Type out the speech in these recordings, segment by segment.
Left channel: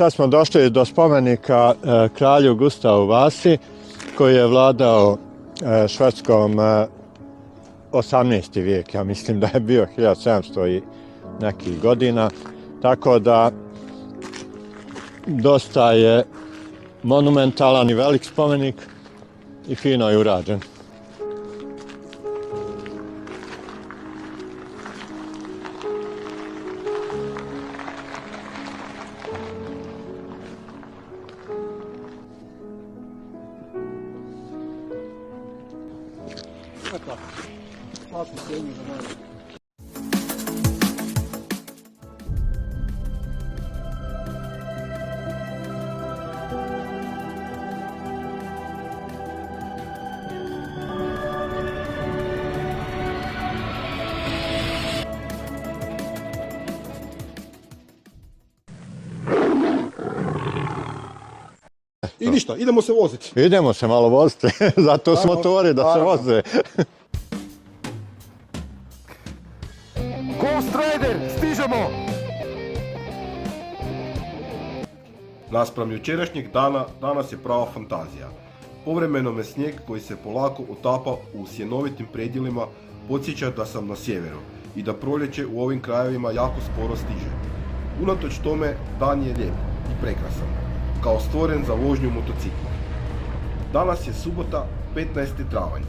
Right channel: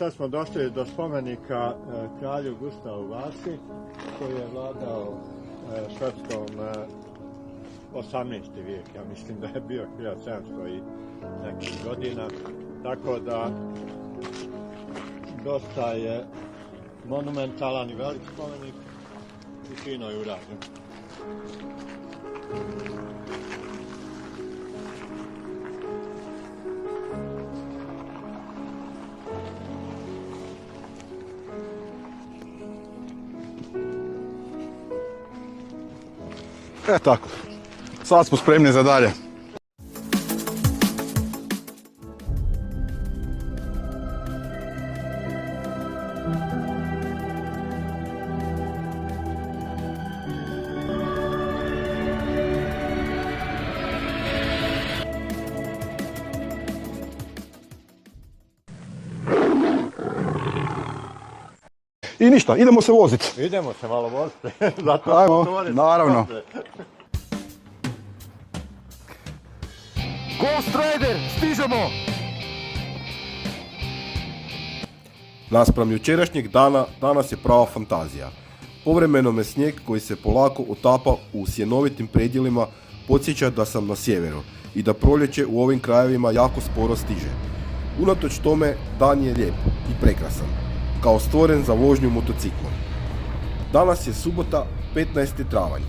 sad smo došli do spomenika kralju Gustavu Vasi, koji je vladao Švedskom 18. vijek, ja mislim da je bio 1700 i nekih godina, tako da dosta je monumentalan i velik spomenik i fino je urađen. Tako, sad smo spremni za dalje. I ništa, idemo se voziti. Idemo se malo voziti, zato su motori da se voze. Ghost Rider, stižemo! Naspram jučerašnjeg dana, danas je prava fantazija. Povremeno me snijeg koji se polako otapa u sjenovitim predjelima podsjeća da sam na sjeveru i da proljeće u ovim krajevima jako sporo stiže. Unatoč tome, dan je lijep i prekrasan, kao stvoren za vožnju motocikla. Danas je subota, 15. travanj.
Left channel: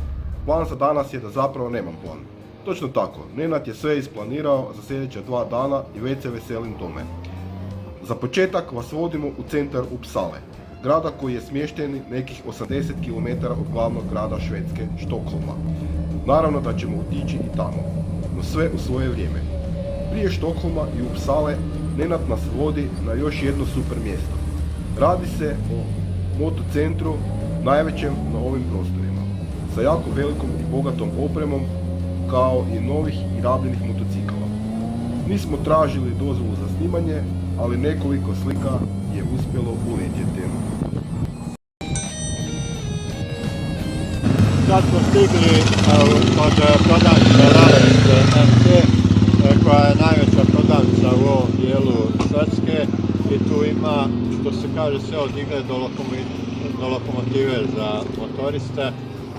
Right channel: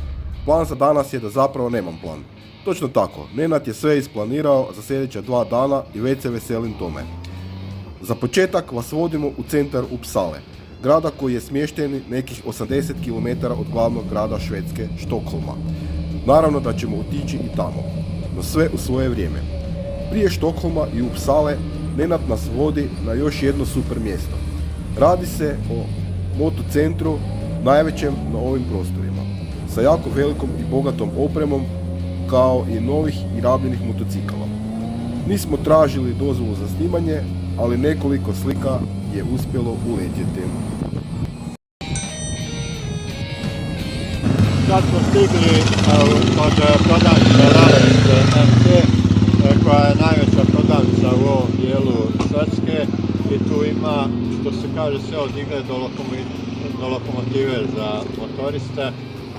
Plan za danas je da zapravo nemam plan. Točno tako, Nenad je sve isplanirao za sljedeća 2 dana i već se veselim tome. Za početak vas vodimo u centar Uppsale, grada koji je smješten nekih 80 km od glavnog grada Švedske, Štokholma. Naravno da ćemo otići i tamo, no sve u svoje vrijeme. Prije Štokholma i Uppsale Nenad nas vodi na još jedno super mjesto. Radi se o motocentru, najvećem na ovim prostorima, sa jako velikom i bogatom opremom, kao i novih i rabljenih motocikala. Nismo tražili dozvolu za snimanje, ali nekoliko slika je uspjelo uletjeti. Sad smo stigli kod prodavnice Ravens MC, koja je najveća prodavnica u ovom dijelu Švedske, i tu ima, što se kaže, sve od igle do lokomotive za motoriste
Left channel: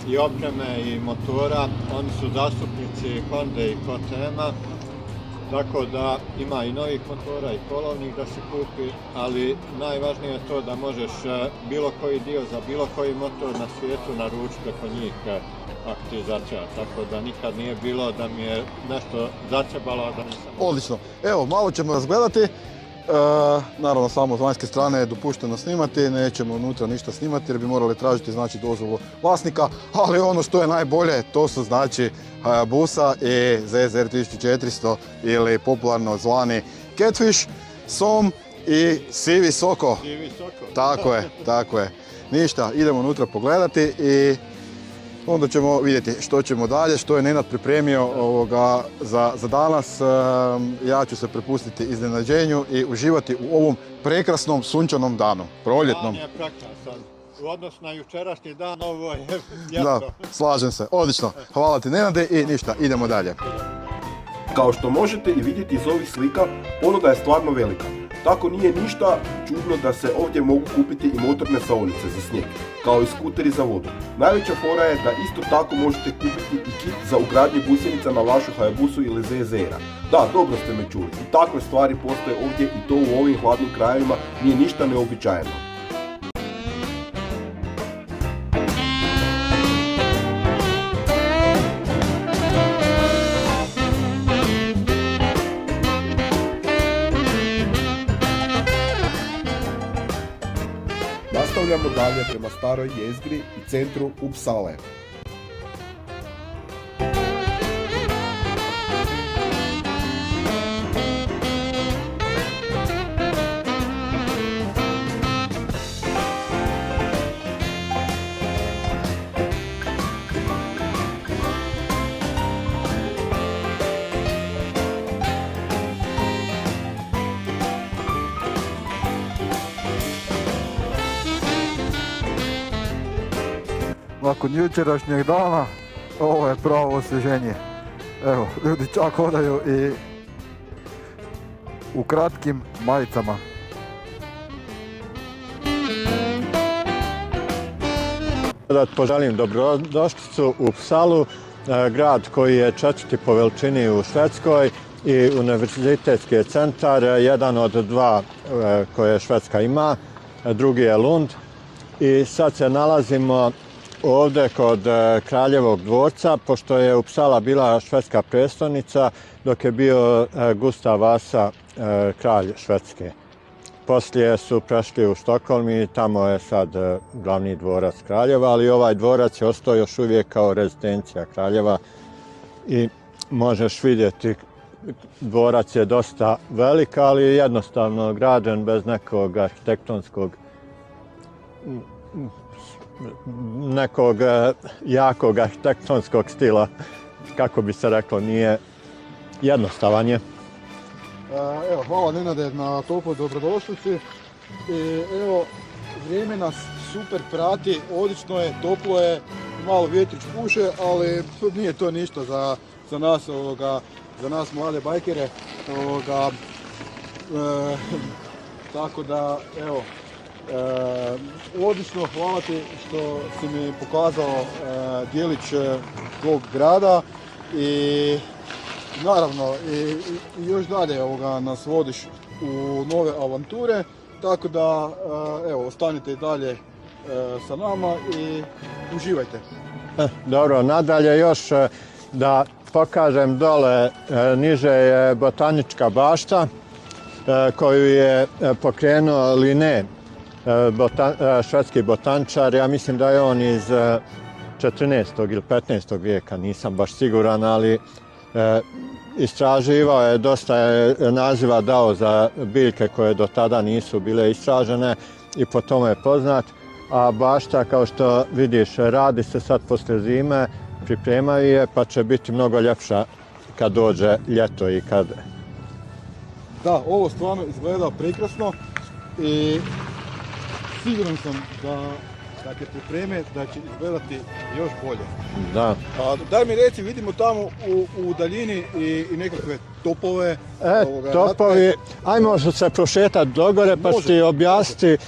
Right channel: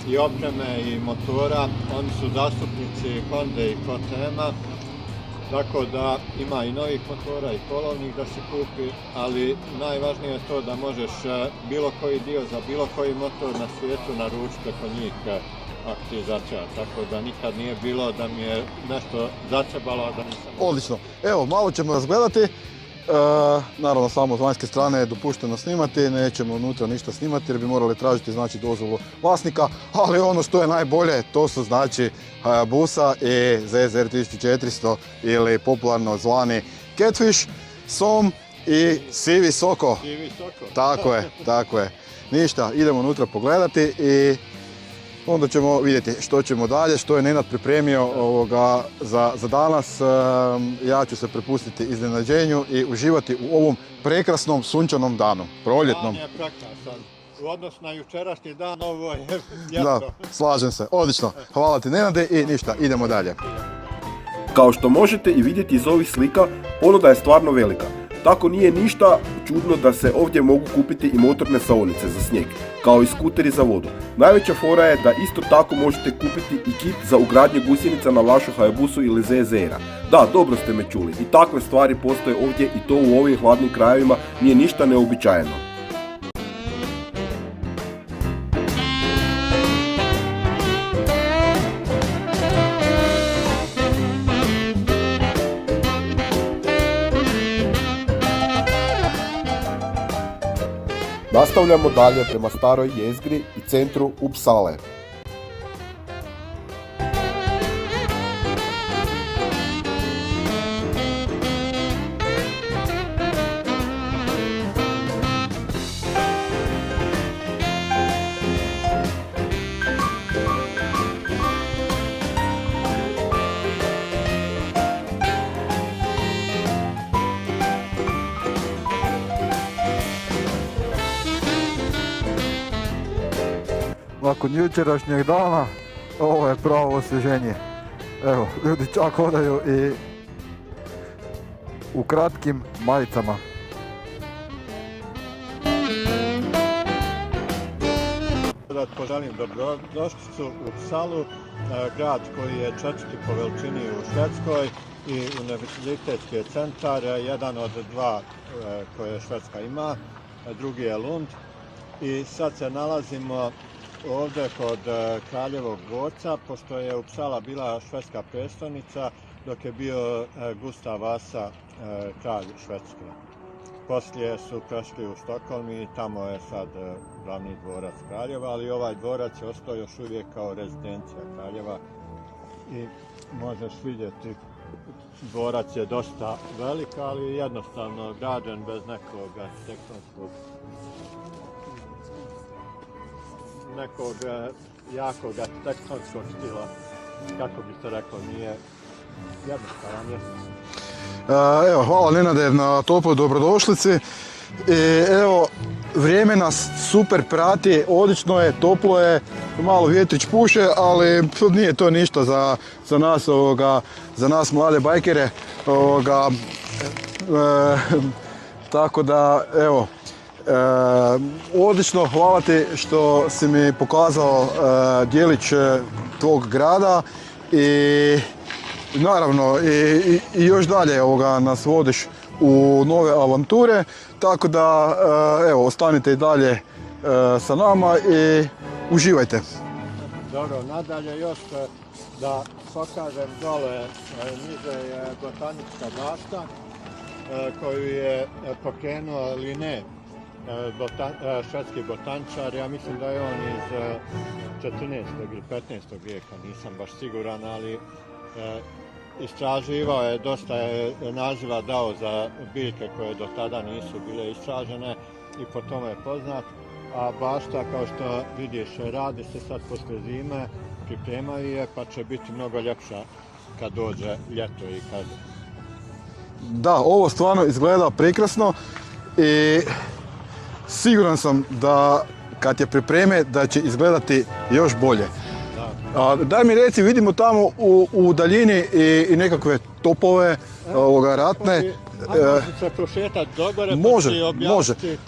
i opreme i motora. Oni su zastupnici Honda i KTM-a, tako da ima i novih motora i polovnih da se kupi, ali najvažnije je to da možeš bilo koji dio za bilo koji motor na svijetu naručiti preko njih ako ti začeva, tako da nikad nije bilo da mi je nešto začebalo, a da nisam... Odlično. Evo, malo ćemo razgledati. Naravno, samo s vanjske strane je dopušteno snimati, nećemo unutra ništa snimati jer bi morali tražiti, znači, dozvolu vlasnika, ali ono što je najbolje, to su, znači, Hayabusa i ZZR 1400 ili popularno zvani Catfish, Som i Sivi Soko. Sivi Soko. Tako je. Ništa, idemo unutra pogledati i onda ćemo vidjeti što ćemo dalje, što je Nenad pripremio za danas. Ja ću se prepustiti iznenađenju i uživati u ovom prekrasnom sunčanom danu, proljetnom. Dan je prekrasan. U odnosu na jučerašnji dan, ovo je ljeto. Da, slažem se. Odlično. Hvala ti, Nenade, i ništa, idemo dalje. Kao što možete i vidjeti iz ovih slika, ponuda je stvarno velika. Tako nije ništa čudno da se ovdje mogu kupiti i motorne saonice za snijeg, kao i skuteri za vodu. Najveća fora je da isto tako možete kupiti i kit za ugradnje gusjenica na vašu Hayabusu ili ZZR-a. Da, dobro ste me čuli, i takve stvari postoje ovdje i to u ovim hladnim krajevima nije ništa neobičajeno. Nastavljamo dalje prema staroj jezgri i centru Uppsale. Nakon jučerašnjeg dana, ovo je pravo osvježenje. Evo, ljudi čak hodaju i u kratkim majicama. Da poželim dobrodošlicu u Uppsalu, grad koji je četvrti po veličini u Švedskoj i univerzitetski centar, jedan od dva koje Švedska ima, drugi je Lund. I sad se nalazimo ovdje kod Kraljevog dvorca, pošto je Uppsala bila švedska prestolnica dok je bio Gustav Vasa kralj Švedske. Poslije su prešli u Stockholm i tamo je sad glavni dvorac kraljeva, ali ovaj dvorac je ostao još uvijek kao rezidencija kraljeva i možeš vidjeti dvorac je dosta velik, ali jednostavno građen bez nekog arhitektonskog nekog jakog arhitektonskog stila, kako bi se reklo, nije jednostavan je. Evo, hvala Nenade na toploj dobrodošlici. Evo, vrijeme nas super prati, odlično je, toplo je, malo vjetrić puše, ali nije to ništa za nas, za nas mlade bajkere. Tako da, evo, odlično, hvala ti što si mi pokazao dijelić tvog grada i naravno i još dalje nas vodiš u nove avanture, tako da evo, ostanite i dalje sa nama i uživajte. Dobro, nadalje još da pokažem dole, niže je botanička bašta koju je pokrenuo Linné, švedski botaničar. Ja mislim da je on iz 14. ili 15. vijeka, nisam baš siguran, ali istraživao je, dosta je naziva dao za biljke koje do tada nisu bile istražene i po tome je poznat. A bašta, kao što vidiš, radi se sad poslije zime, pripremaju je, pa će biti mnogo ljepša kad dođe ljeto i kad... Da, ovo stvarno izgleda prekrasno i siguran sam da kad je pripreme da će izgledati još bolje. Da. Daj mi reci, vidimo tamo u daljini i nekakve topove ratne. Ajmo se prošetati dogore pa si objasniti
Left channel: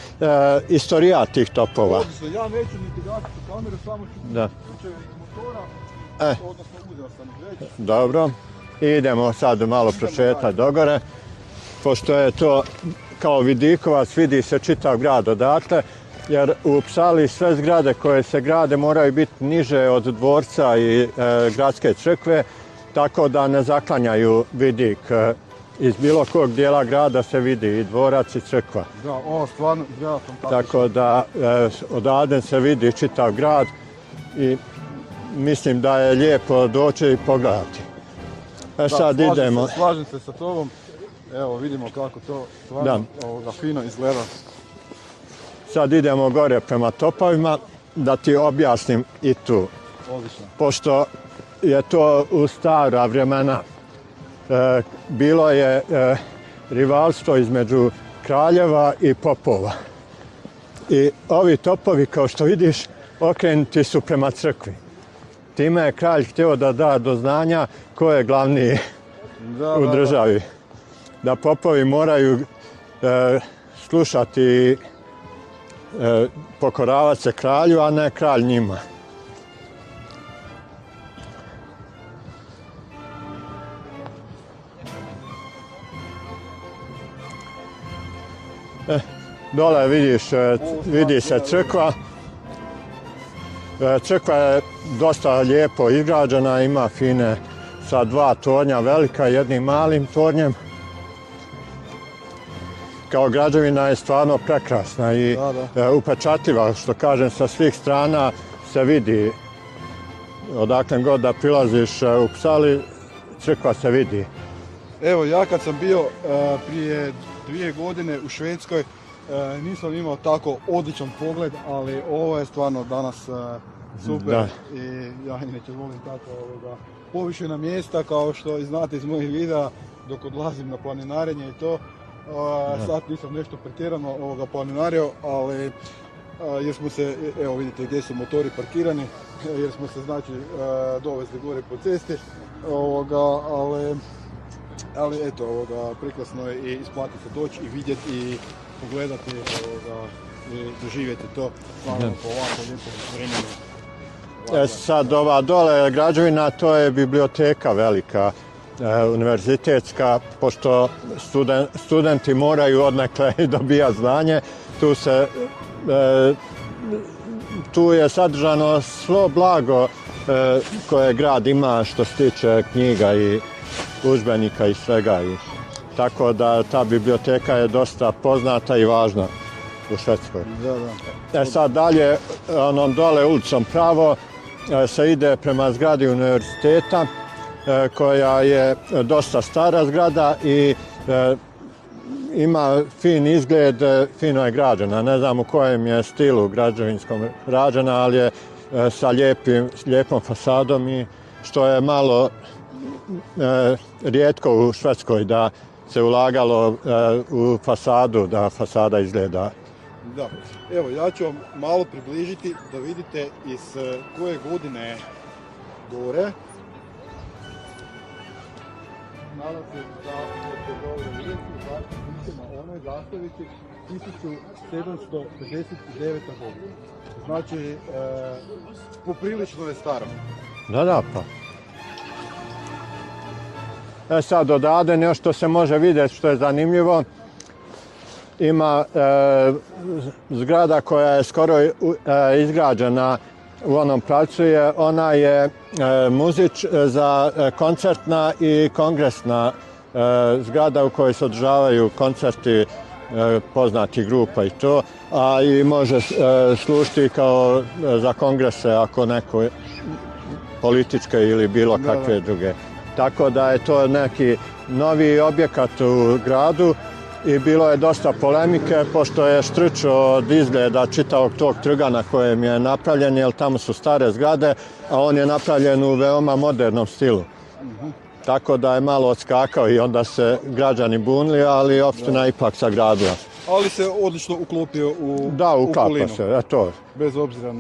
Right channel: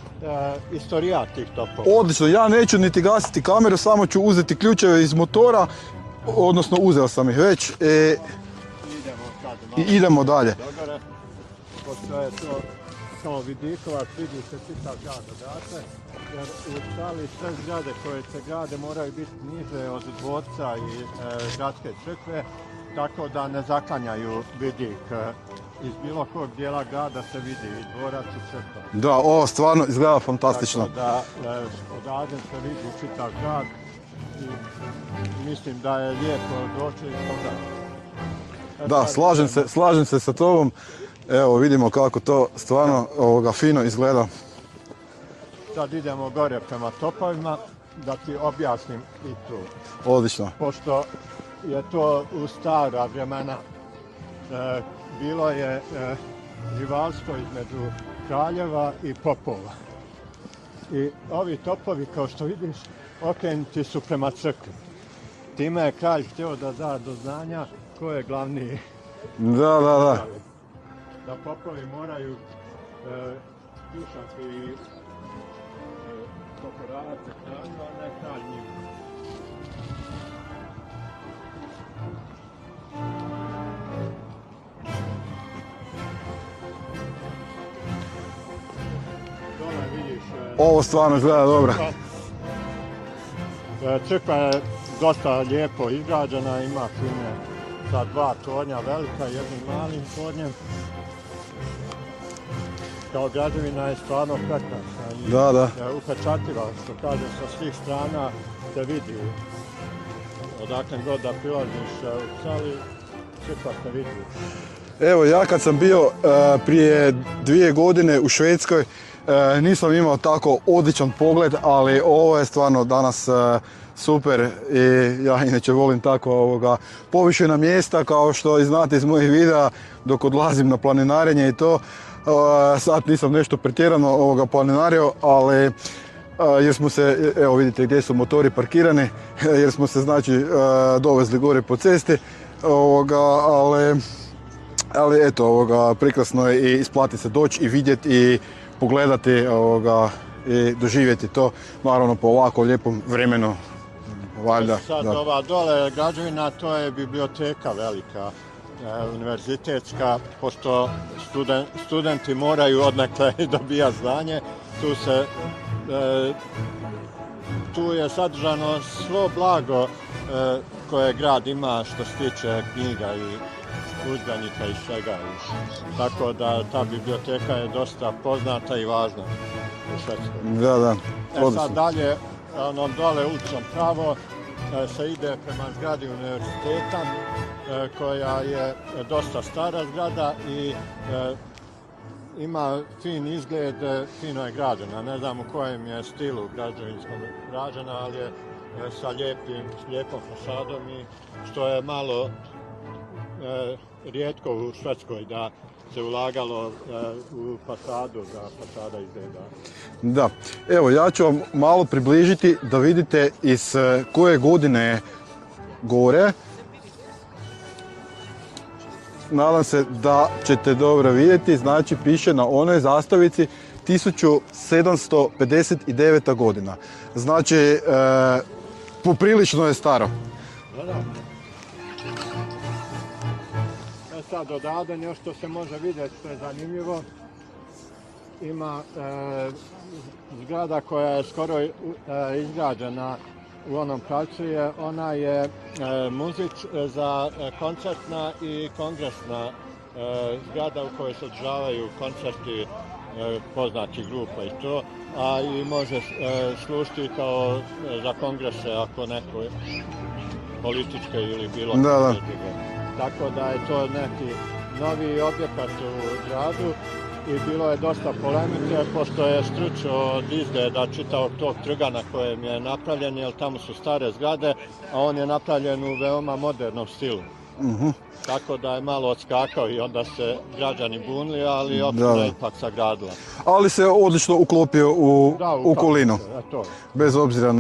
istorijat tih topova. Odlično, ja neću niti gasiti kameru, samo ću uzeti ključeve iz motora, odnosno uzeo sam ih već. Dobro, idemo sad malo prošetati dogore. Pošto je to kao vidikovac, vidi se čitav grad odatle, jer u Uppsali sve zgrade koje se grade moraju biti niže od dvorca i gradske crkve, tako da ne zaklanjaju vidik. Iz bilo kog dijela grada se vidi i dvorac i crkva. Da, ovo stvarno izgleda fantastično. Tako da odavde se vidi čitav grad i mislim da je lijepo doći i pogledati. Da, slažem se sa tobom. Evo, vidimo kako to stvarno fino izgleda. Sad idemo gore prema topovima da ti objasnim i tu. Odlično. Pošto je to u stara vremena bilo je rivalstvo između kraljeva i popova. I ovi topovi, kao što vidiš, okrenuti su prema crkvi. Time je kralj htio da da do znanja ko je glavni u državi. Da popovi moraju slušati, pokoravati se kralju, a ne kralj njima. Dole vidiš, vidi se crkva. Crkva je dosta lijepo izgrađena, ima fine sa dva tornja velika, jednim malim tornjem. Kao građevina je stvarno prekrasna i upečatljiva, što kažem, sa svih strana se vidi. Odakle god da prilaziš u Uppsali, crkva se vidi. Evo, ja kad sam bio prije 2 godine u Švedskoj, nisam imao tako odličan pogled, ali ovo je stvarno danas super i ja inače volim tako povišena mjesta, kao što i znate iz mojih videa dok odlazim na planinarenje i to. Sad nisam nešto pretjerano planinario, ali jer smo se, evo vidite gdje su motori parkirani, jer smo se znači dovezli gore po cesti, ali eto, prekrasno je i isplati se doći i vidjeti i pogledati i doživjeti to, naravno po ovako lijepom vremenu. Sad ova dole građevina, to je biblioteka velika, univerzitetska, pošto studenti moraju odnekle dobijati znanje. Tu je sadržano svo blago koje grad ima što se tiče knjiga i udžbenika i svega. Tako da ta biblioteka je dosta poznata i važna u Švedskoj. Da. Sad dalje, onom dole ulicom pravo, se ide prema zgradi univerziteta, koja je dosta stara zgrada i ima fin izgled, fino je građena. Ne znam u kojem je stilu građevinskom građena, ali je sa lijepom fasadom i što je malo rijetko u Švedskoj da se ulagalo u fasadu, da fasada izgleda. Da, evo ja ću vam malo približiti da vidite iz koje godine je gore. Nadam se da ćete dobro vidjeti, znači piše na onoj zastavici 1759. godina. Znači, poprilično je staro. Da, pa. Sad odavde nešto što se može vidjeti što je zanimljivo. Ima zgrada koja je skoro izgrađena u onom pravcu, ona je muzič za koncertna i kongresna zgrada u kojoj se održavaju koncerti poznatih grupa i to, a i može služiti kao za kongrese ako neko političke ili bilo kakve druge. Tako da je to neki novi objekat u gradu i bilo je dosta polemike pošto je štrčo od izgleda čitavog tog trga na kojem je napravljen, jer tamo su stare zgrade, a on je napravljen u veoma modernom stilu. Tako da je malo odskakao i onda se građani bunili, ali opština ipak sagradila. Ali se odlično uklopio u okolinu. To. Bez obzira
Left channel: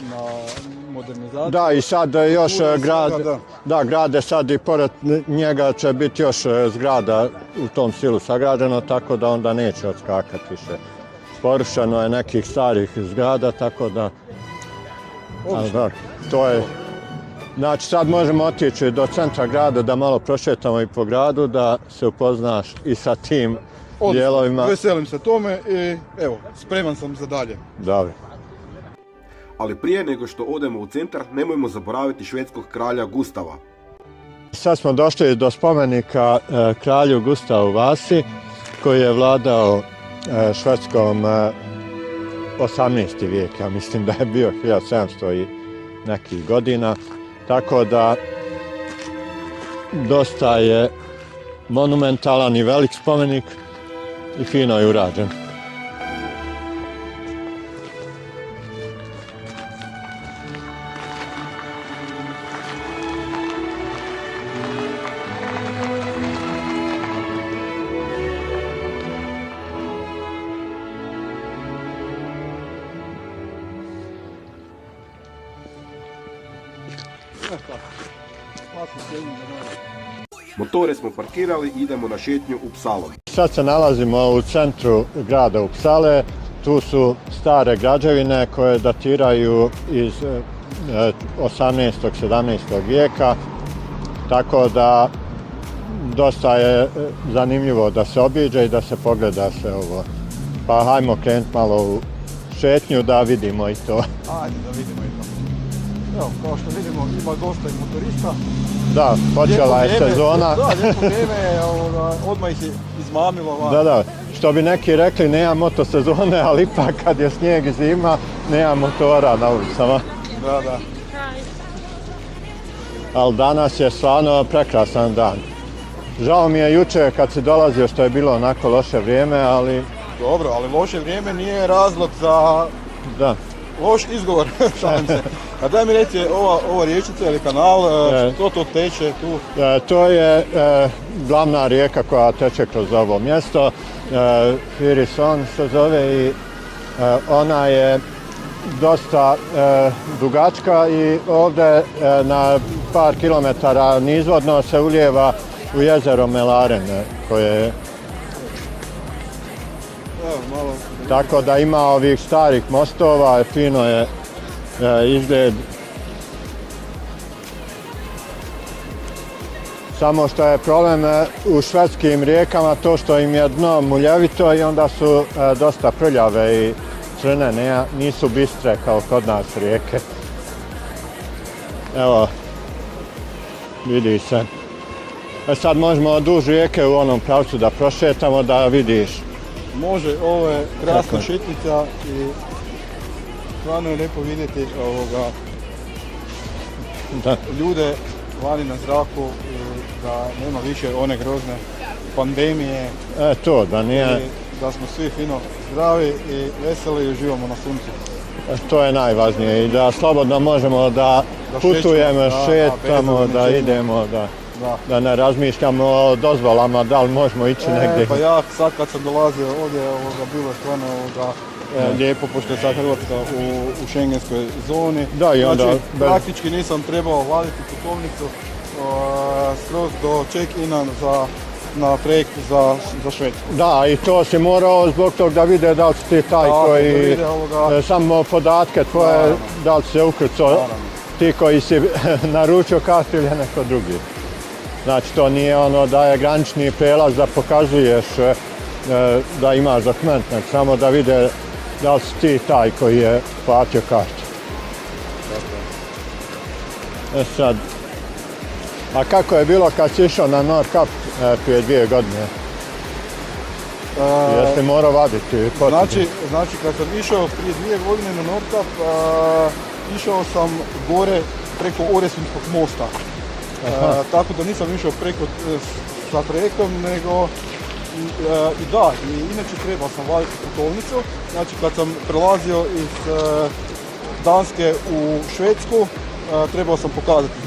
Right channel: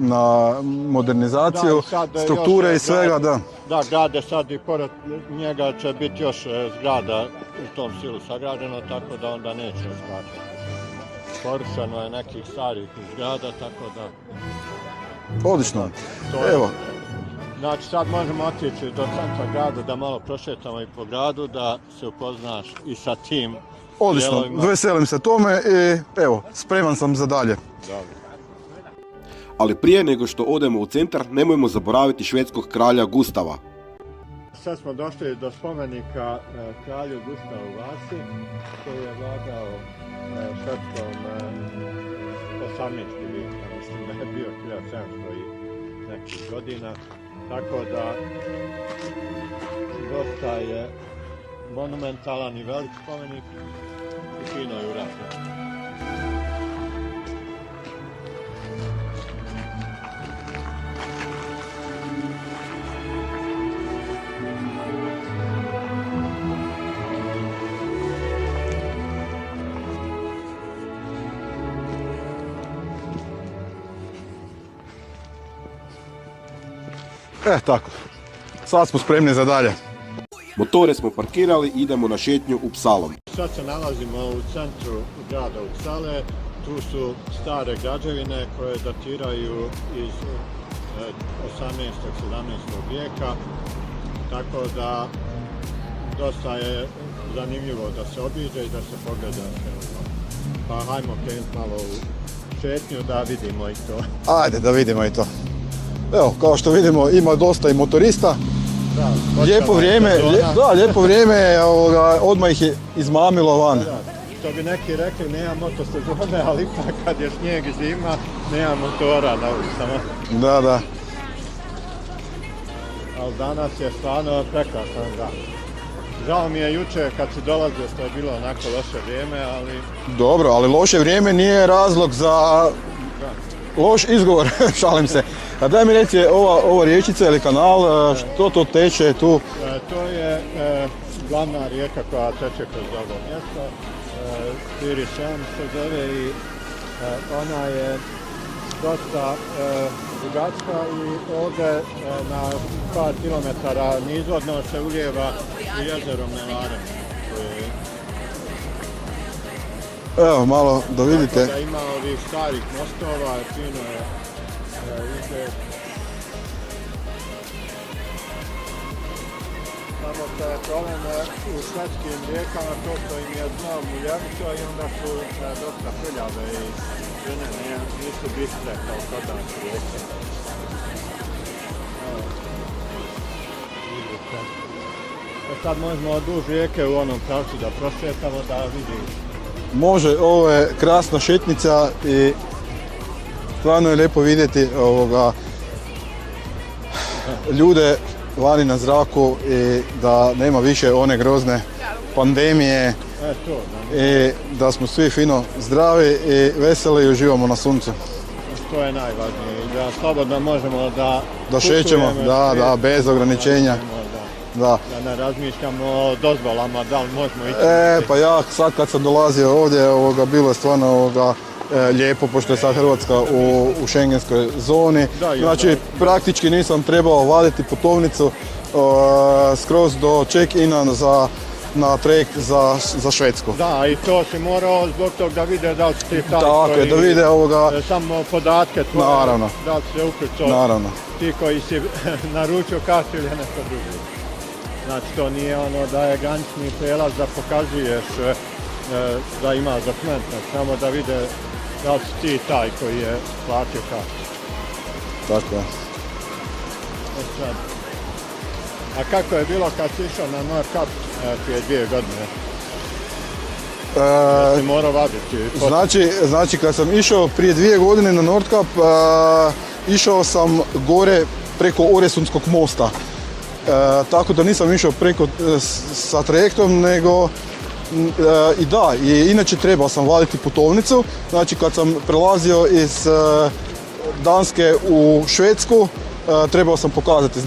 na modernizaciju, da, i sad strukture još i svega, da, grade sad i pored njega će biti još zgrada u tom stilu sagrađeno, tako da onda neće odskakati više. Porušeno je nekih starih zgrada, tako da... Odlično. To je... Znači sad možemo otići do centra grada da malo prošetamo i po gradu, da se upoznaš i sa tim dijelovima. Odlično, veselim se tome i evo, spreman sam za dalje. Dobro. Ali prije nego što odemo u centar, nemojmo zaboraviti švedskog kralja Gustava. Sad smo došli do spomenika kralju Gustavu Vasi, koji je vladao Švedskom 18. vijek, ja mislim da je bio 1700 i nekih godina. Tako da dosta je monumentalan i velik spomenik i fino je urađen. Tako, sad smo spremni za dalje. Motore smo parkirali i idemo na šetnju u Psalom. Sad se nalazimo u centru grada Uppsale. Tu su stare građevine koje datiraju iz 18. 17. vijeka. Tako da dosta je zanimljivo da se obiđe i da se pogleda sve ovo. Pa hajmo krenuti malo u šetnju da vidimo i to. Ajde da vidimo i to. Evo, kao što vidimo, ima dosta i motorista. Da, počela je sezona. Da, lijepo vrijeme, odmah ih je izmamilo van. Da, što bi neki rekli, nema motosezone, ali ipak kad je snijeg i zima, nema motora na ulicama. Da. Ali danas je stvarno prekrasan dan. Žao mi je jučer kad si dolazio što je bilo onako loše vrijeme, ali... Dobro, ali loše vrijeme nije razlog za... Da. Loš izgovor, šalim se. A daj mi reci, ova riječica ili kanal, što to teče tu? To je glavna rijeka koja teče kroz ovo mjesto. Irison se zove i ona je dosta dugačka i ovdje na par kilometara nizvodno se ulijeva u jezero Mälaren koje je Evo, malo da vidite. Tako da ima ovih starih mostova, fino je izgled. Samo što je problem u švedskim rijekama to što im je dno muljevito i onda su dosta prljave i crne, nisu bistre kao kod nas rijeke. Evo, vidi se. Sad možemo duž rijeke u onom pravcu da prošetamo da vidiš. Može, ovo je krasna šetnica i stvarno je lijepo vidjeti ljude vani na zraku i da nema više one grozne pandemije. To, da nije... I da smo svi fino zdravi i veseli i uživamo na suncu. To je najvažnije i da slobodno možemo da šećemo, bez ograničenja. Da ne razmišljamo o dozvolama, da li možemo ići negdje. Pa ja sad kad sam dolazio ovdje, bilo je stvarno lijepo, pošto je sad Hrvatska u šengenskoj zoni. Znači, praktički nisam trebao vaditi putovnicu skroz do check-ina na trajekt za Švedsku. Da, i to si morao zbog toga da vide da li si ti taj koji... Da vide samo podatke tvoje, da li si se ukrcao. Ti koji si naručio kartu ili neko drugi. Znači, to nije ono da je granični prijelaz da pokazuješ da imaš dokument, samo da vide da li si ti taj koji je platio kartu. Tako je. Sad, a kako je bilo kad si išao na Nordkapp prije 2 godine? Jesi morao vaditi? Znači, kad sam išao prije 2 godine na Nordkapp, išao sam gore preko Oresundskog mosta. Tako da nisam išao sa trajektom, nego i inače trebao sam vaditi putovnicu. Znači, kad sam prelazio iz Danske u Švedsku, trebao sam pokazati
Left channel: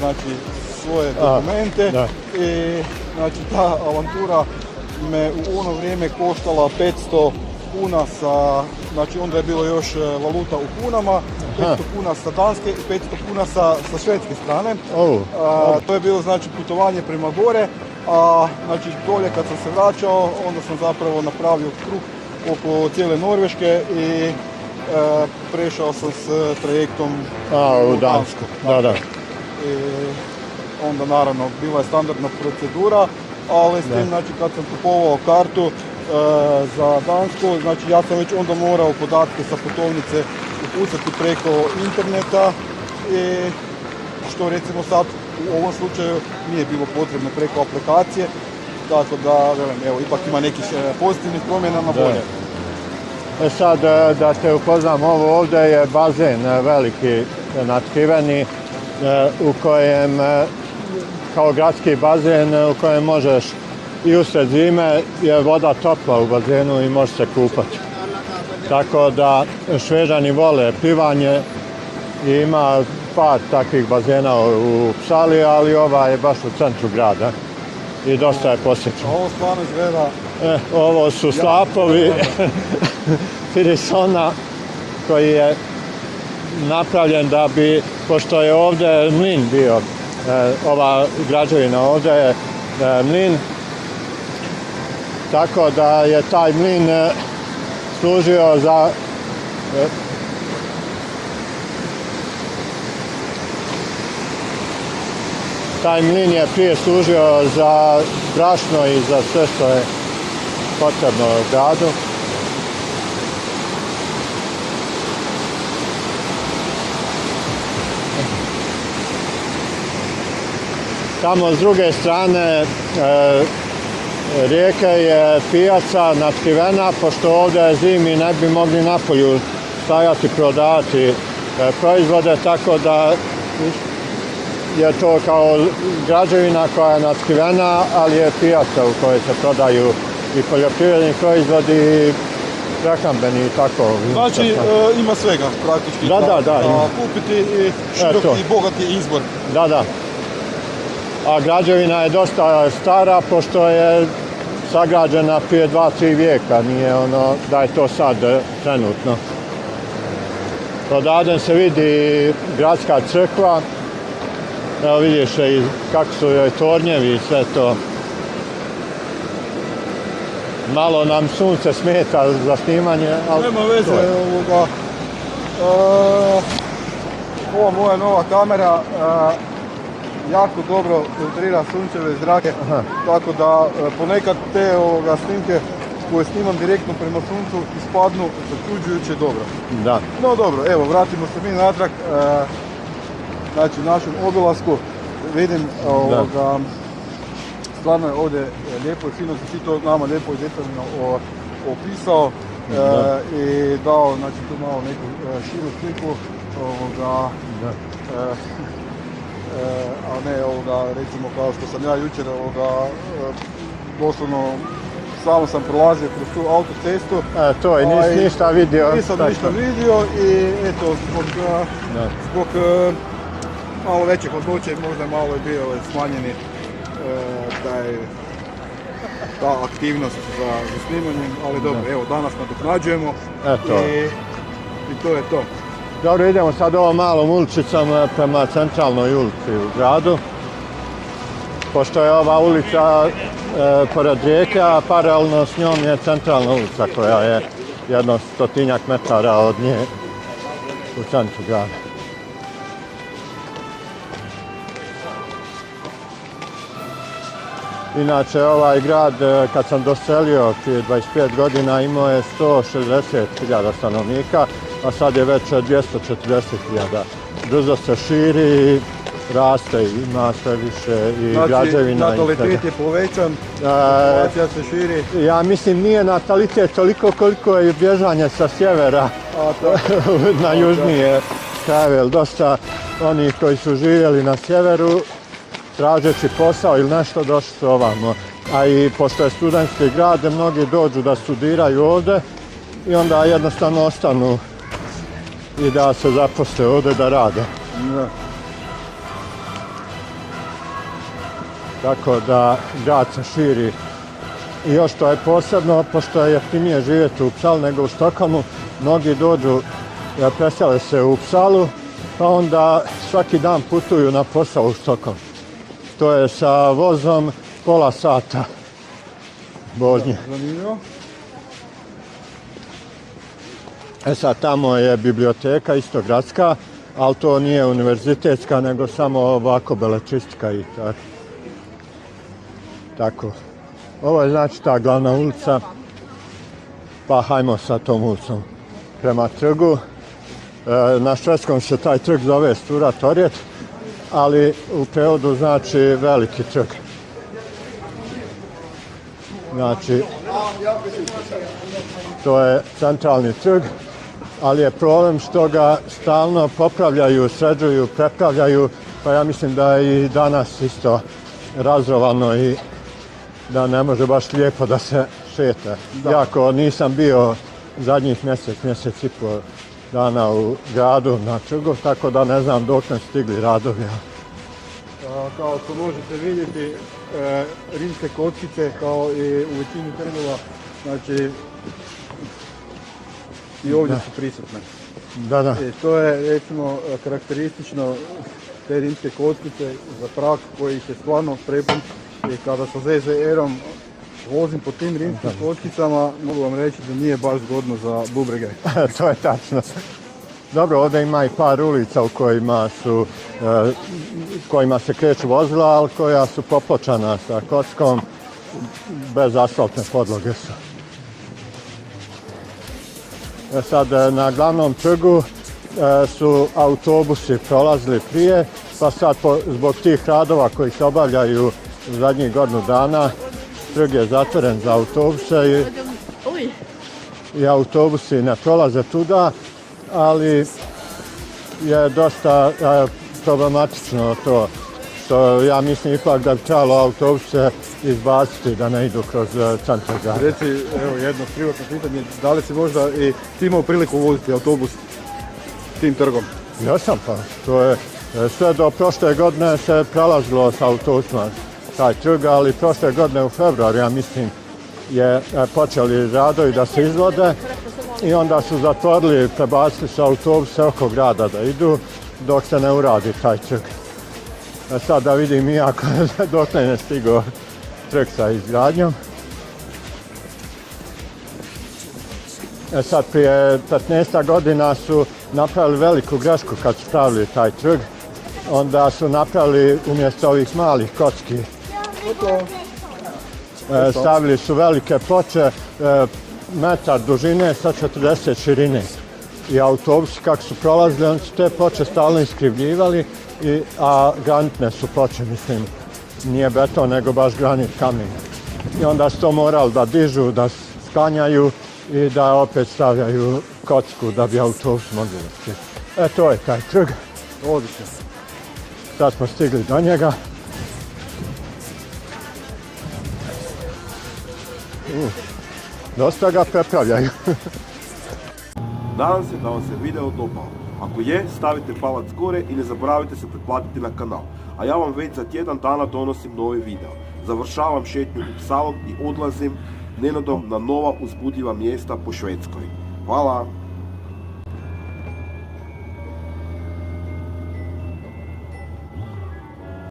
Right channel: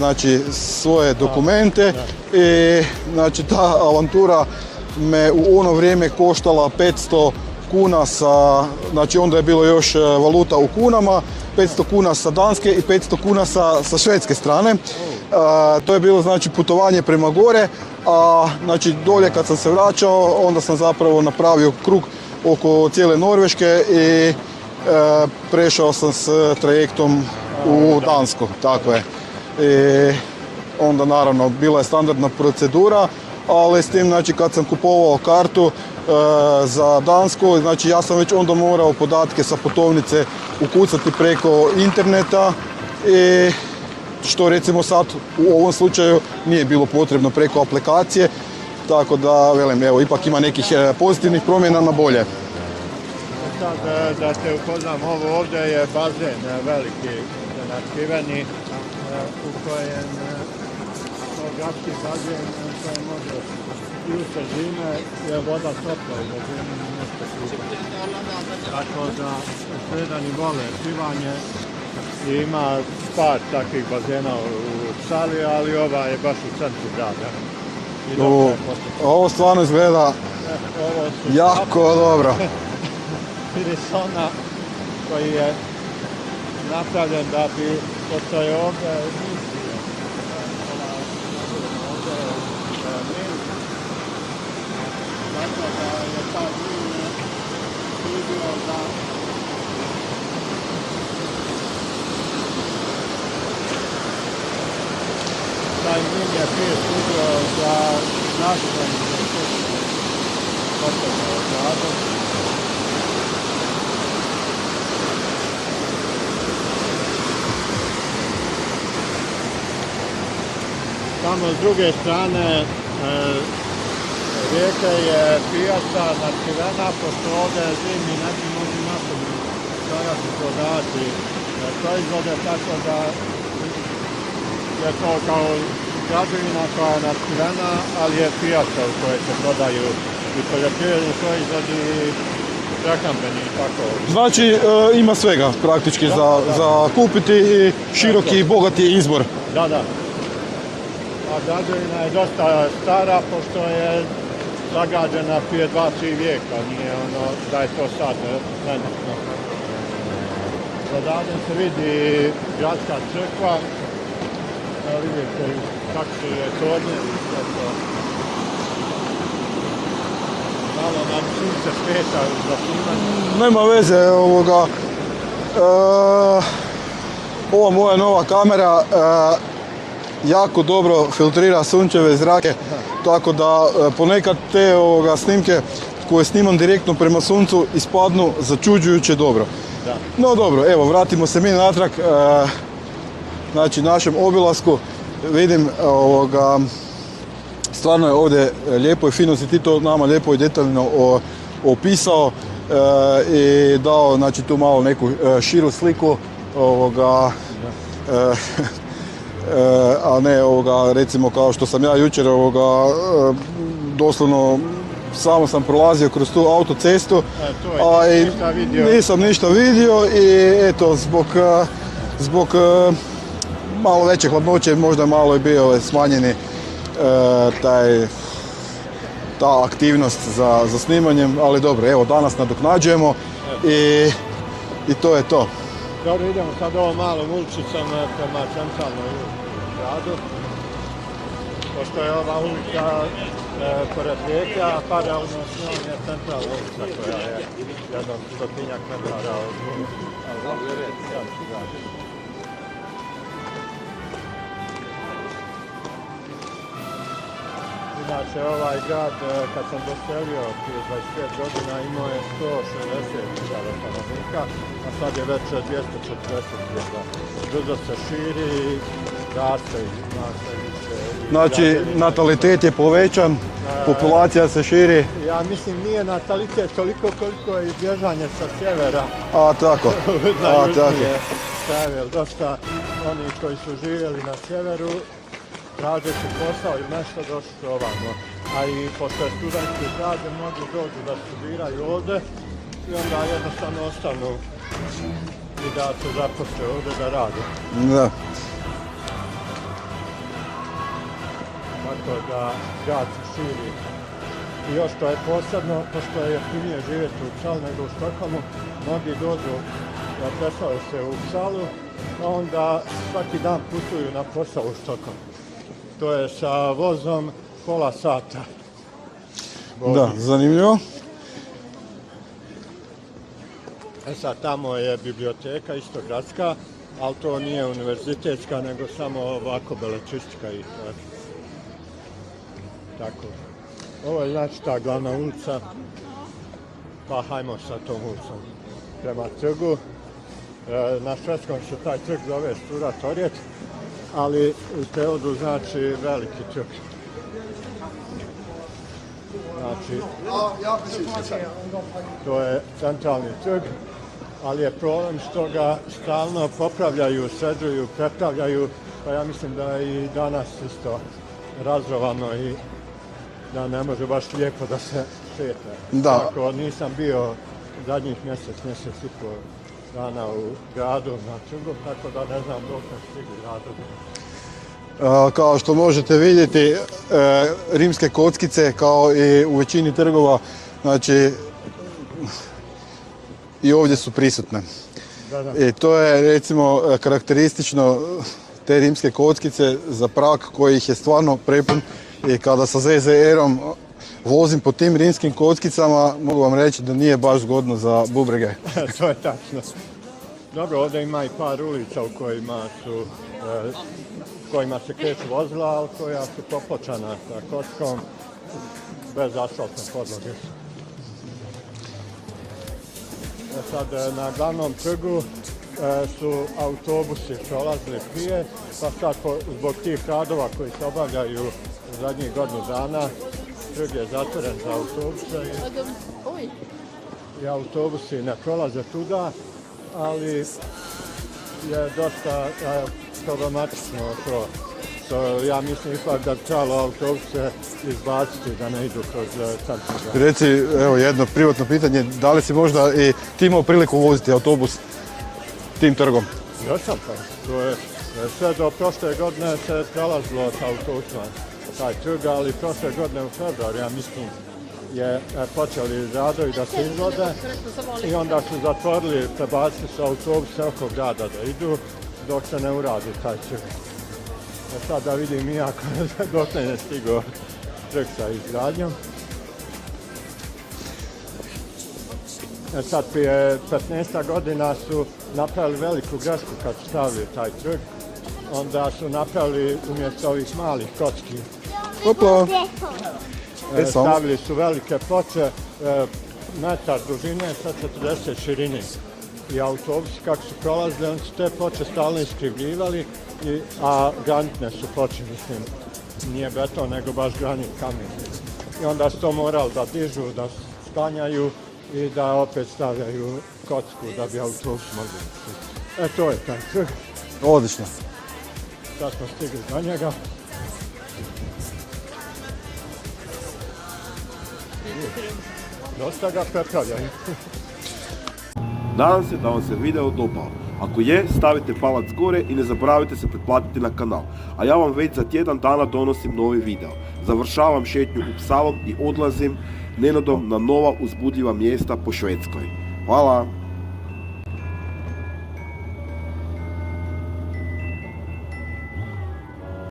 svoje dokumente i znači ta avantura me u ono vrijeme koštala 500 kuna znači onda je bilo još valuta u kunama, 500 kuna sa danske i 500 kuna sa švedske strane. To je bilo znači putovanje prema gore, a znači dolje kad sam se vraćao onda sam zapravo napravio krug oko cijele Norveške i prešao sam s trajektom u Dansku. I onda naravno bila je standardna procedura, ali s tim znači kad sam kupovao kartu za Dansku, znači ja sam već onda morao podatke sa putovnice ukucati preko interneta i što recimo sad u ovom slučaju nije bilo potrebno preko aplikacije, tako da velim, evo ipak ima nekih pozitivnih promjena na bolje. Sad da te upoznam, ovo ovdje je bazen veliki natkriveni u kojem, kao gradski bazen u kojem možeš i usred zime je voda topla u bazenu i možeš se kupati. Tako da Šveđani vole plivanje i ima par takvih bazena u Psali, ali ova je baš u centru grada i dosta je posjećen. Ovo stvarno izgleda ovo su slapovi Pirisona koji je napravljen da bi, pošto je ovdje mlin bio, ova građevina ovdje je mlin, tako da je taj mlin služio za taj mlin je prije služio za brašno i za sve što je potrebno gradu. Tamo s druge strane rijeke je pijaca natkrivena, pošto ovdje zimi ne bi mogli napolju stajati prodati proizvode, tako da je to kao građevina koja je natkrivena, ali je pijaca u kojoj se prodaju i poljoprivredni proizvodi i prehrambeni i tako. Znači ima svega praktički za kupiti i široki i bogati izbor. Da. A građevina je dosta stara, pošto je sagrađena prije 2-3 vijeka, nije ono da je to sad trenutno. Odavde se vidi gradska crkva, evo vidiš i kako su joj tornjevi i sve to. Malo nam sunce smeta za snimanje, ali... Nema veze ovoga. Ova moja nova kamera jako dobro filtrira sunčeve zrake, tako da ponekad te snimke koje snimam direktno prema suncu ispadnu začuđujuće dobro. Da. No dobro, evo, vratimo se mi natrag, znači našem obilasku. Vidim, stvarno je ovdje lijepo i fino, si ti to nama lijepo i detaljno opisao i dao, znači, tu malo neku širu sliku a ne recimo kao što sam ja jučer doslovno samo sam prolazio kroz tu autocestu. To je, nisi ništa vidio. Nisam ništa vidio i eto, zbog malo veće hladnoće možda malo je bio smanjeni ta aktivnost za snimanjem, ali dobro, evo danas nadoknađujemo i to je to. Dobro, idemo sad ovom malom ulicicom prema centralnoj ulici u gradu. Pošto je ova ulica pored rijeke, a paralelno s njom je centralna ulica koja je jedno 100-tinjak metara od nje u centru grada. Inače, ovaj grad, kad sam doselio prije 25 godina, imao je 160.000 stanovnika, a sad je već 240.000. Brzo se širi, raste, ima sve više i građevina. Znači, natalitet je povećan, populacija se širi. Ja mislim, nije natalitet toliko koliko je bježanje sa sjevera na južnije krajeve. Dosta onih koji su živjeli na sjeveru, tražeći posao ili nešto, došli su ovamo. A i pošto je studentski grad, mnogi dođu da studiraju ovdje i onda jednostavno ostanu i da se zaposle ovdje da rade. Da. Tako da grad se širi. I još to je posebno, pošto je jeftinije živjeti u Uppsalu nego u Stockholmu, mnogi dođu, presele se u Uppsalu, pa onda svaki dan putuju na posao u Stockholm. To je sa vozom pola sata. Da, zanimljivo. Sad tamo je biblioteka, isto gradska, ali to nije univerzitetska, nego samo ovako belečištika i tako. Ovo je znači ta glavna ulica, pa hajmo sa tom ulicom prema trgu. Na švedskom se taj trg zove Stura torget, ali u prevodu znači veliki trg. Znači, to je centralni trg, ali je problem što ga stalno popravljaju, sređuju, prepravljaju, pa ja mislim da je i danas isto razrovano i da ne može baš lijepo da se šeta. Iako nisam bio zadnjih mjesec i pol dana u gradu na trgu, tako da ne znam dok nam stigli radovi. Kao što možete vidjeti, rimske kockice, kao i u većini trgova, znači i ovdje su prisutne. Da. I to je recimo karakteristično te rimske kockice za Prag koji ih je stvarno prepun. I kada sa ZZR-om vozim po tim rimskim kockicama, mogu vam reći da nije baš zgodno za bubrege. To je tačno. Dobro, ovdje ima i par ulica u kojima se kreću vozila, ali koja su popločana sa kockom, bez asfaltne podloge su. Sad na glavnom trgu su autobusi prolazili prije, pa sad zbog tih radova koji se obavljaju zadnjih godinu dana, trg je zatvoren za autobuse i autobusi ne prolaze tuda, ali je dosta problematično to, što ja mislim ipak da bi trebalo autobuse izbaciti da ne idu kroz centar grada. Reci, evo jedno privatno pitanje, da li si možda i ti imao priliku voziti autobus tim trgom? Jesam pa, to je sve do prošle godine se prelazilo sa autobusima taj trg, ali prošle godine u februaru, ja mislim, je počeli radovi da se izvode i onda su zatvorili, prebacili su autobuse oko grada da idu dok se ne uradi taj trg. Sad da vidim iako dok ne stigao trg sa izgradnjom. Sad prije 15 godina su napravili veliku grešku kad su pravili taj trg. Onda su napravili umjesto ovih malih kocki. Stavili su velike ploče, metar dužine sa 40 širine. I autobusi kako su prolazili, oni su te ploče stalno iskrivljivali, a granitne su ploče, mislim, nije beton, nego baš granit kamen. I onda su to morali da dižu, da sklanjaju i da opet stavljaju kocku da bi autobus mogli ići. To je taj trg. Odlično. Sad smo stigli do njega. Dosta ga prepravljaju. Nadam se da vam se video dopao. Ako je, stavite palac gore i ne zaboravite se pretplatiti na kanal. A ja vam već za tjedan dana donosim novi video. Završavam šetnju Upsalom i odlazim nenadom na nova uzbudljiva mjesta po Švedskoj. Hvala!